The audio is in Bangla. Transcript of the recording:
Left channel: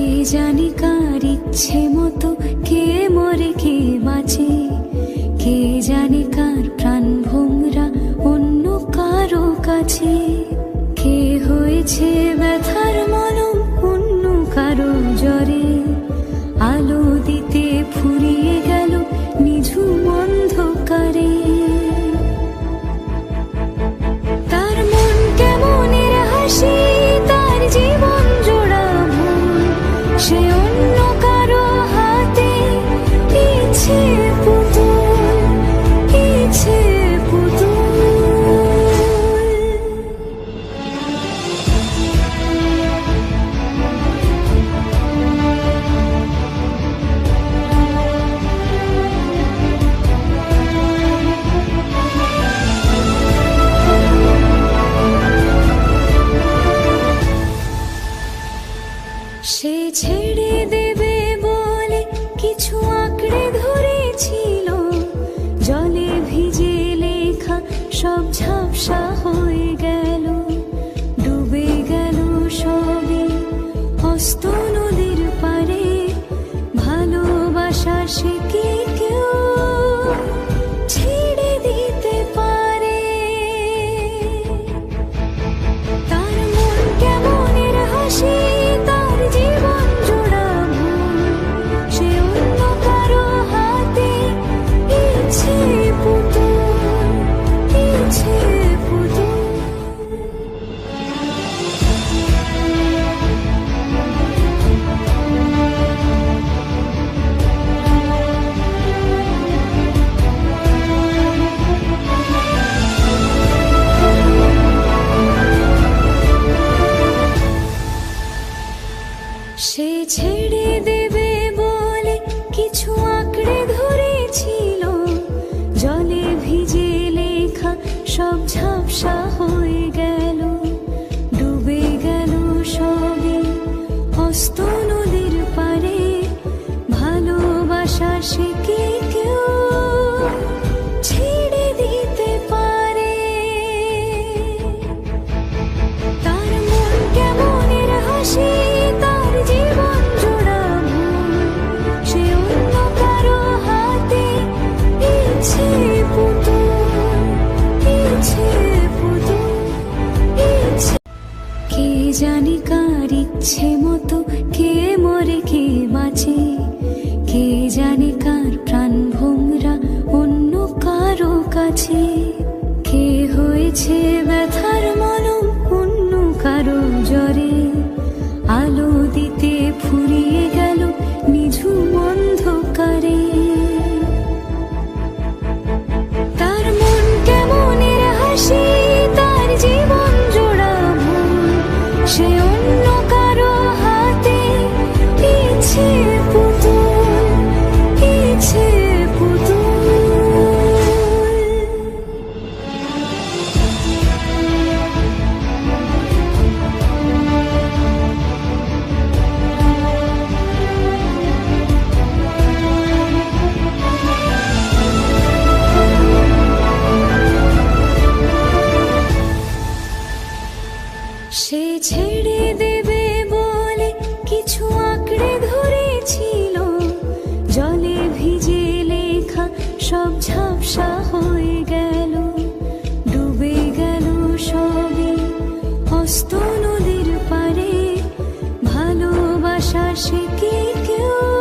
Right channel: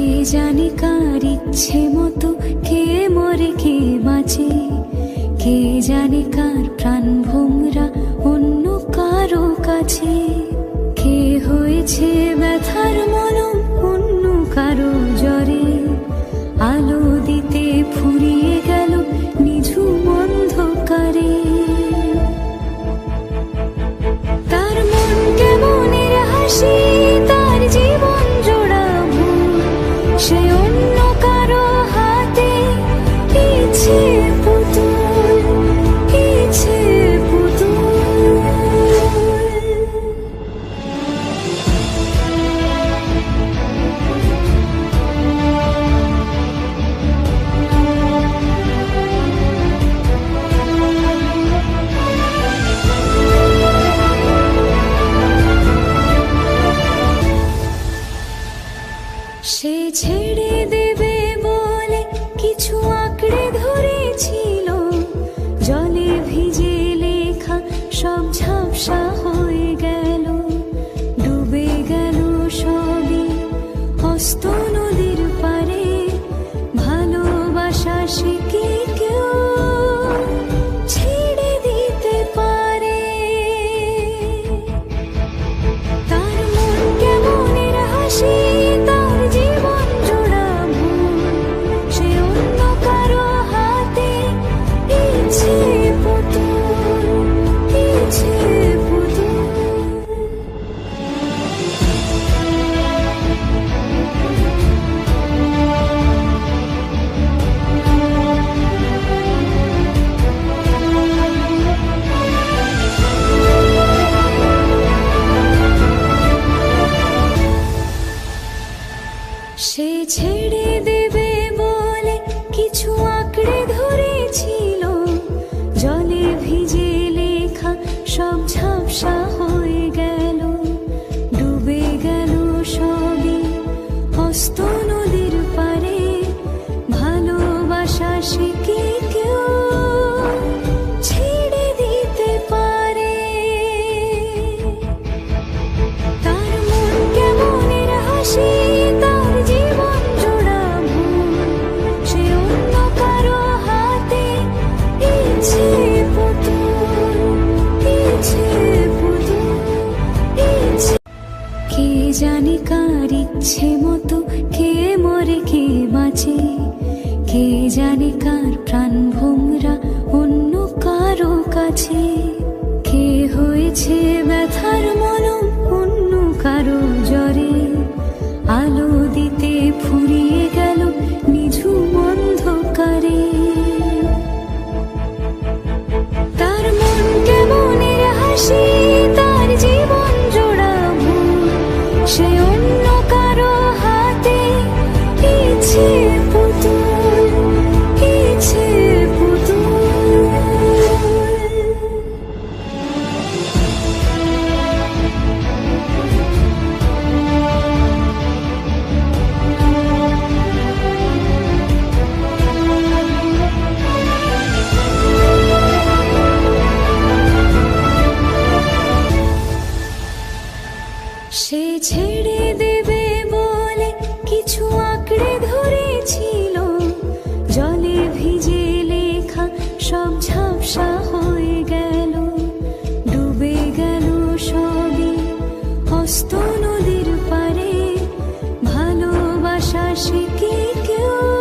কে জানে কার ইচ্ছে মতো কে মরে কে বাঁচে, কে জানে কার প্রাণ ভোমরা অন্য কারো কাছে, কে হয়েছে ব্যথার মলম অন্য কারো জ্বরে, আলো দিতে ফুরিয়ে গেল নিঝুম অন্ধকারে। তার মন কেমনের হাসি, তার জীবন জোড়া ভুল, সে অন্য কারো হাতে ইচ্ছে পুতুল, ইচ্ছে পুতুল। সে ছেড়ে দেবে বলে কিছু আঁকড়ে ধরেছিল, জলে ভিজে লেখা সব ঝাপসা হয়ে গেল, ডুবে গেল সবই হস্ত নদীর পারে। ভালোবাসা সে কি কেউ ছেড়ে দিতে পারে? তার মন কেমনের হাসি, তার জীবন জোড়া ভুল, সে অন্য কারো হাতে ইচ্ছে পুতুল, ইচ্ছে পুতুল। সে ছেড়ে দেবে বলে কিছু আঁকড়ে ধরেছিল, জলে ভিজে লেখা সব ঝাপসা হয়ে গেল, ডুবে গেল সবই হস্ত নদীর পারে। ভালোবাসা সে কি কেউ ছেড়ে দিতে পারে? তার মন কেমনের হাসি, তার জীবন জোড়া ভুল, সে অন্য কারো হাতে ইচ্ছে পুতুল, ইচ্ছে পুতুল, ইচ্ছে। কে জানে কার ইচ্ছে মতো কে মরে কে বাঁচে, কে জানে কার প্রাণ ভোমরা অন্য কারো কাছে, কে হয়েছে ব্যথার মলম অন্য কারো জ্বরে, আলো দিতে ফুরিয়ে গেল নিঝুম অন্ধকারে। তার মন কেমনের হাসি, তার জীবন জোড়া ভুল, সে অন্য কারো হাতে ইচ্ছে পুতুল, ইচ্ছে পুতুল। সে ছেড়ে দেবে বলে কিছু আঁকড়ে ধরেছিল, জলে ভিজে লেখা সব ঝাপসা হয়ে গেল, ডুবে গেল সবই হস্ত নদীর পারে। ভালোবাসা সে কি কেউ